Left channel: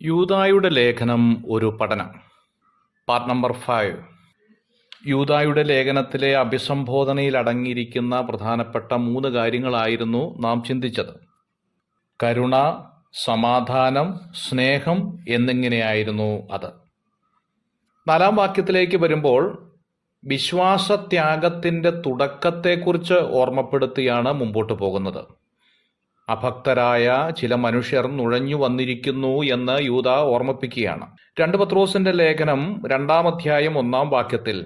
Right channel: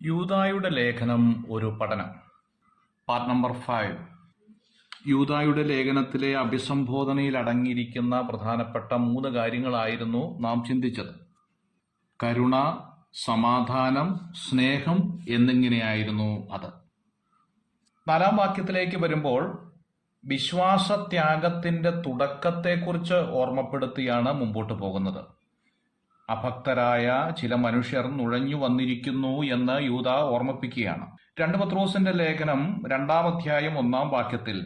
യൂദായുടെ ലേഖനം ഒരു പഠനം. Part number 5. യൂദായുടെ ലേഖനത്തിലെ അഭിസംബോധനയിൽ അടങ്ങിയിരിക്കുന്ന പ്രധാനപ്പെട്ട 3 കാര്യങ്ങളായിരുന്നു നാം ചിന്തിച്ചത്. കരുണ, സമാധാനം, സ്നേഹം എന്നിങ്ങനെയായിരുന്നു അത്. 4-ാം വാക്യത്തിലേക്ക് വരുമ്പോൾ വിശ്വാസത്യാഗത്തിൻ്റെ തുടക്കത്തെക്കുറിച്ച് ഓർമ്മപ്പെടുത്തിയാണ് മുമ്പോട്ട് പോകുന്നത്. അഭക്തരായ ചില മനുഷ്യർ നുഴഞ്ഞു വന്നിരിക്കുന്നു എന്ന് യൂദാ ഓർമ്മിപ്പിക്കുകയാണ്. 2 പത്രോസിന്റെ ലേഖനം 2-ാം അധ്യായം 1-ാം വാക്യത്തിൽ,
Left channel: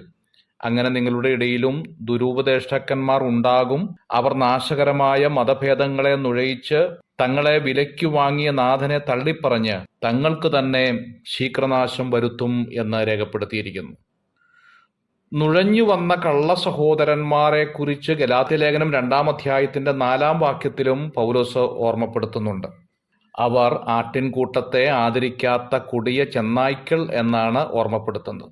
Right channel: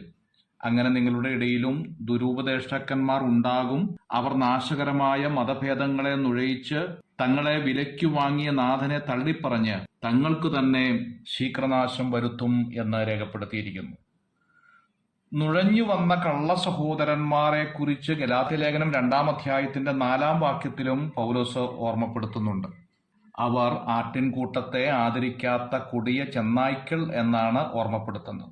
അങ്ങനെ നിങ്ങളുടെ ഇടയിലും ദുരുപദേഷ്ടക്കന്മാർ ഉണ്ടാകും, അവർ നാശകരമായ മതഭേദങ്ങളെ നുഴയിച്ച് തങ്ങളെ വിലയ്ക്കു വാങ്ങിയ നാഥനെ തള്ളിപ്പറഞ്ഞ് തങ്ങൾക്ക് തന്നെ ശീഘ്രനാശം വരുത്തും എന്ന് രേഖപ്പെടുത്തിയിരിക്കുന്നു. നുഴഞ്ഞു വന്ന കള്ള സഹോദരന്മാരെ കുറിച്ച് ഗലാത്യലേഖനം 2-ാം അധ്യായത്തിന്റെ 4-ാം വാക്യത്തിലും പൗലോസ് ഓർമ്മപ്പെടുത്തുന്നുണ്ട്. അവർ ആട്ടിൻകൂട്ടത്തെ ആദരിക്കാത്ത കൊടിയ ചെന്നായ്ക്കൾ എന്നാണ് ഓർമ്മപ്പെടുത്തുന്നത്.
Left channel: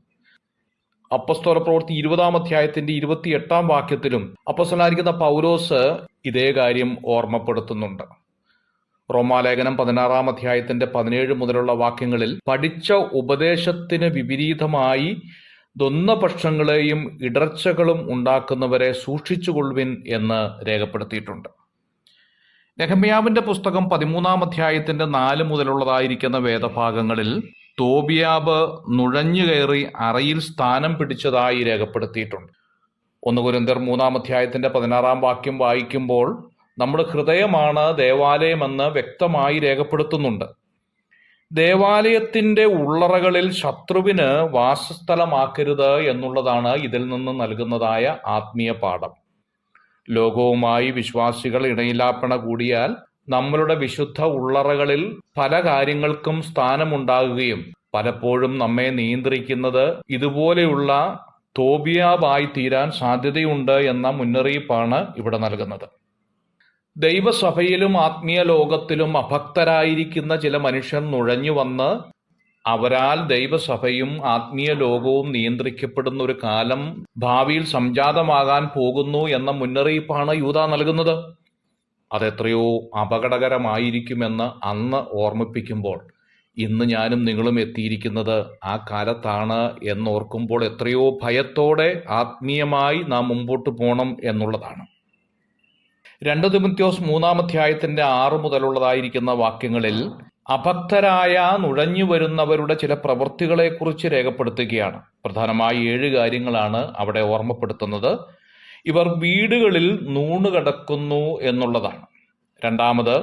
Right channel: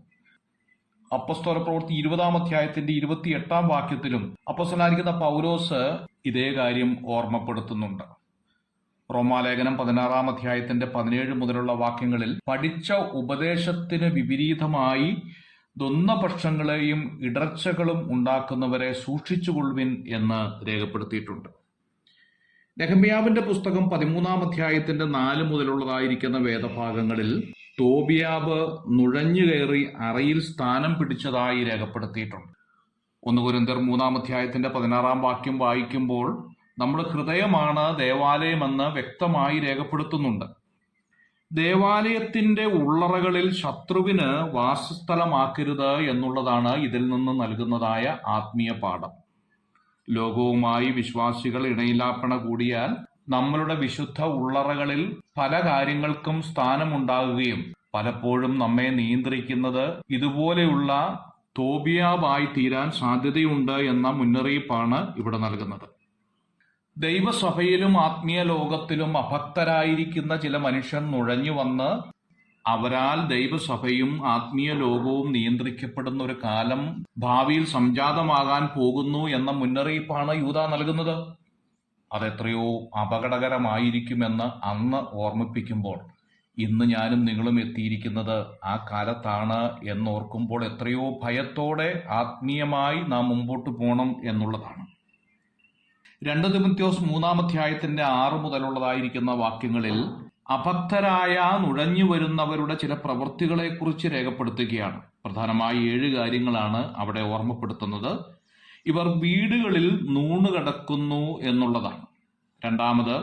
അപ്പോസ്തല പ്രവൃത്തി 20-ാം അധ്യായത്തിന്റെ 28-ാം വാക്യത്തിലും അപ്പോസ്തലനായിരിക്കുന്ന പൗലോസ് ഇതേ കാര്യം ഓർമ്മപ്പെടുത്തുന്നുണ്ട്. റോമാലേഖനം 16-ാം അധ്യായത്തിന്റെ 17 മുതലുള്ള വാക്യങ്ങളിൽ പഠിച്ച ഉപദേശത്തിന് വിപരീതമായി ദ്വന്ദ്പക്ഷങ്ങളെയും ഇടർച്ചകളും ഉണ്ടാക്കുന്നവരെ സൂക്ഷിച്ചുകൊള്ളുവിൻ എന്ന് രേഖപ്പെടുത്തിയിട്ടുണ്ട്. നെഹമ്യാവിന്റെ പുസ്തകം 13-ാം അധ്യായത്തിന്റെ 4 മുതലുള്ളതായിരിക്കുന്ന വേദഭാഗങ്ങളിൽ തോബിയാബ് നുഴഞ്ഞു കയറി അറയിൽ സ്ഥാനം പിടിച്ചതായി രേഖപ്പെടുത്തിയിട്ടുണ്ട്. 1 കൊരിന്ത്യർ 3-ാം അധ്യായത്തിന്റെ 16-ാം വാക്യം വായിക്കുമ്പോൾ നമ്മുടെ ഹൃദയമാണ് ദേവാലയമെന്ന് വ്യക്തമായി രേഖപ്പെടുത്തുന്നുണ്ട്. ദേവാലയത്തിന്റെ ഉള്ളറകളിൽ ശത്രുവിന് വാസസ്ഥലമാക്കരുത് എന്നുള്ളതാണ് ഇതിൽ നിന്ന് നൽകുന്നതായ ആത്മീയ പാഠം. ലോകവുമായി വിശ്വാസികൾ ഇണയിലാപ്പണ കൂടിയാൽ നമ്മളുടെ വിശുദ്ധ ഉള്ളറകളിൽ പല കാര്യങ്ങൾക്കും സ്ഥാനമുണ്ടാകുകയും പലപ്പോഴും നമ്മെ നിയന്ത്രിക്കുന്നത് ഇതുപോലെയുള്ള തോബിയാബായി തീരാൻ സാധ്യതയുണ്ട് എന്ന മുന്നറിയിപ്പാണ് ഇവിടെ നൽകുന്നത്. ദൈവസഭയിലും ആത്മീയ ലോകത്തിലും അഭക്തരായിരിക്കുന്ന ചില മനുഷ്യർ നുഴഞ്ഞു വന്ന് അവരാൽ ദൈവസഭയും ആത്മീയ ലോകവും നിയന്ത്രിക്കപ്പെടുന്ന ഒരു കാലം ഭാവിയിൽ സംജാതമാകാൻ പോകുന്നു എന്ന മുന്നറിയിപ്പാണ് യൂദാ നൽകുന്നത്. അതെത്രയോ അപകടകരമായിരിക്കുമെന്ന് അന്ന് ഓർമ്മിപ്പിക്കുമ്പോൾ ഇന്ന് ഞാനും നിങ്ങളും എത്തിയിരിക്കുന്നത് ആ കാലത്താണ് എന്നോർക്കുമ്പോൾ എത്രയോ ഭയത്തോടെ ആത്മീയമായി നാം മുമ്പോട്ട് പോകണം എന്നുള്ളതാണ്. 2 തിമോഥെയോസ് 3-ാം അധ്യായത്തിന്റെ 6 മുതലുള്ളതായിരിക്കുന്ന വാക്യങ്ങളിൽ അഭക്തരായ നുഴഞ്ഞു വരുന്നവരുടെ ചില പ്രവൃത്തികളെക്കുറിച്ച് രേഖപ്പെടുത്തുകയാണ്. പ്രധാനമായി 7 കാര്യങ്ങളാണ് അവിടെ ഓർമ്മപ്പെടുത്തുന്നത്. ഇവർ വീടുകളിൽ നൂണുകിടക്കുന്നു എന്നുള്ളതാണ്. 2ാമത്,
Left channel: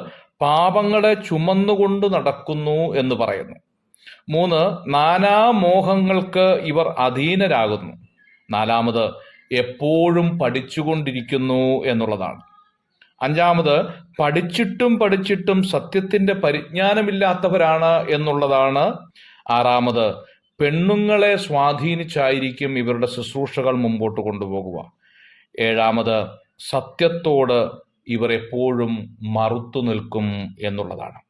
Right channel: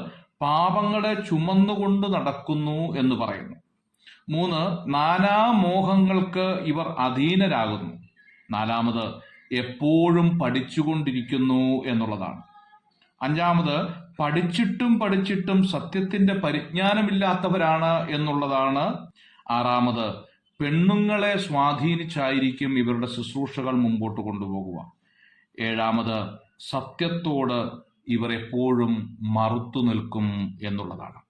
പാപങ്ങളെ ചുമന്നുകൊണ്ട് നടക്കുന്നു എന്ന് പറയുന്നു. 3, നാനാമോഹങ്ങൾക്ക് ഇവർ അധീനരാകുന്നു. 4ാമത്, എപ്പോഴും പഠിച്ചുകൊണ്ടിരിക്കുന്നു എന്നുള്ളതാണ്. 5ാമത്, പഠിച്ചിട്ടും സത്യത്തിന്റെ പരിജ്ഞാനമില്ലാത്തവരാണ് എന്നുള്ളതാണ്. 6ാമത്, പെണ്ണുങ്ങളെ സ്വാധീനിച്ചായിരിക്കും ഇവരുടെ ശുശ്രൂഷകൾ മുമ്പോട്ട് കൊണ്ടുപോകുക. 7ാമത്, സത്യത്തോട് ഇവർ എപ്പോഴും മറുത്തു നിൽക്കും എന്നുള്ളതാണ്.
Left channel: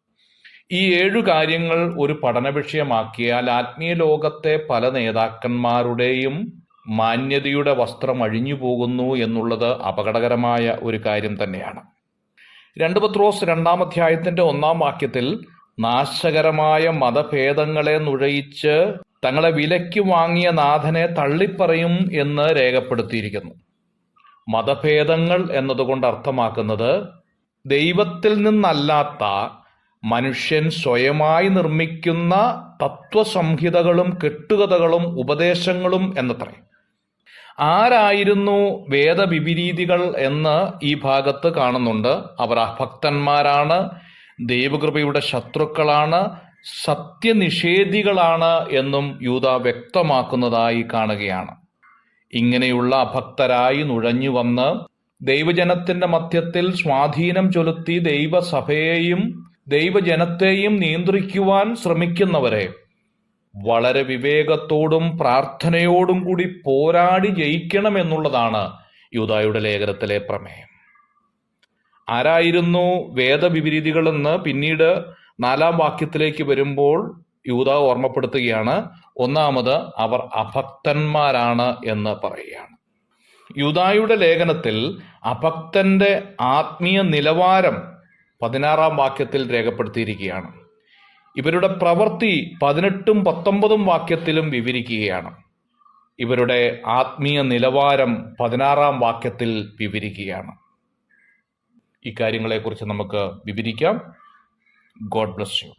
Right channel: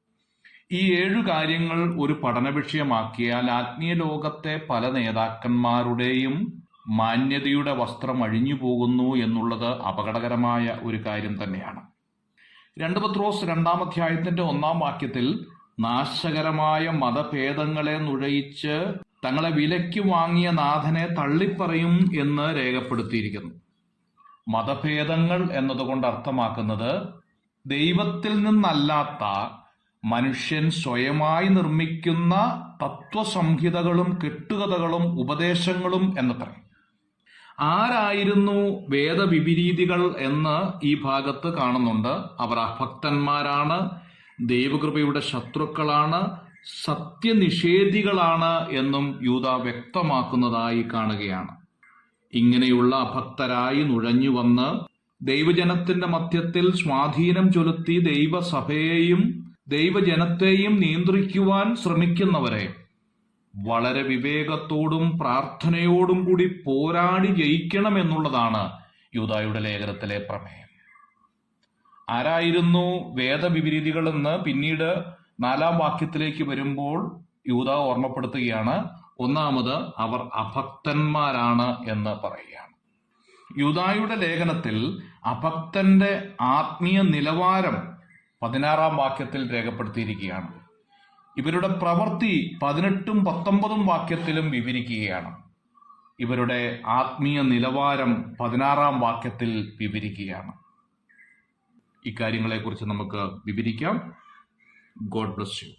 ഈ 7 കാര്യങ്ങൾ ഒരു പഠന വിഷയമാക്കിയാൽ ആത്മീയ ലോകത്തെ പല നേതാക്കന്മാരുടെയും മാന്യതയുടെ വസ്ത്രം അഴിഞ്ഞു പോകുന്നു എന്നുള്ളത് അപകടകരമായ ഒരു കാര്യം തന്നെയാണ്. 2 പത്രോസ് 2-ാം അധ്യായത്തിന്റെ 1-ാം വാക്യത്തിൽ നാശകരമായ മതഭേദങ്ങളെ നുഴയിച്ച് തങ്ങളെ വിലയ്ക്ക് വാങ്ങിയ നാഥനെ തള്ളിപ്പറയും എന്ന് രേഖപ്പെടുത്തിയിരിക്കുന്നു. മതഭേദങ്ങൾ എന്നതുകൊണ്ട് അർത്ഥമാക്കുന്നത് ദൈവത്തിൽ നിന്നല്ലാത്ത മനുഷ്യൻ സ്വയമായി നിർമ്മിക്കുന്ന തത്വസംഹിതകളും കെട്ടുകഥകളും ഉപദേശങ്ങളും എന്നത്രേ. ആരായിരുന്നു വേദവിപരീതികൾ എന്ന് ഈ ഭാഗത്ത് കാണുന്നുണ്ട്. അവർ അഭക്തന്മാരാണ്, ദൈവകൃപയുടെ ശത്രുക്കളാണ്, സത്യനിഷേധികളാണ് എന്നും യൂദാ വ്യക്തമാക്കുന്നതായി കാണുകയാണ്. ഇങ്ങനെയുള്ള അഭക്തരായി നുഴഞ്ഞു വന്ന് ദൈവജനത്തിന്റെ മധ്യത്തിൽ സ്വാധീനം ചെലുത്തി ദൈവസഭയെയും ദൈവജനത്തെയും നിയന്ത്രിക്കുവാൻ ശ്രമിക്കുന്നവരെ വളരെ വിവേകത്തോടും പ്രാർത്ഥനയോടും കൂടി പോരാടി ജയിക്കണം എന്നുള്ളതാണ് യൂദായുടെ ലേഖനത്തിലെ പ്രമേയം. ആരായിരുന്നു വേദവിപരീതികളെന്ന് പിന്നീട് 4-ാം വാക്യത്തിലേക്ക് വരുമ്പോൾ യൂദാ ഓർമ്മപ്പെടുത്തുകയാണ്. 1ാമത്, അവർ അഭക്തന്മാരാണ് എന്ന് പറയുകയാണ്. യൂദായുടെ ലേഖനത്തിൽ അഭക്തന്റെ ആത്മീയ നിലവാരം 16-ാം വാക്യത്തിൽ രേഖപ്പെടുത്തിയിരിക്കുകയാണ്. ഇവരുടെ പ്രവൃത്തി 18ഉം 19ഉം വാക്യത്തിലും വിവരിക്കുകയാണ്. ഇവരുടെ ആത്മീയ നിലവാരം 16ആം വാക്യത്തിൽ വിവരിക്കുകയാണ്. ഇക്കാര്യങ്ങളെക്കുറിച്ച് നമുക്ക് വിവരിക്കാം. God bless you.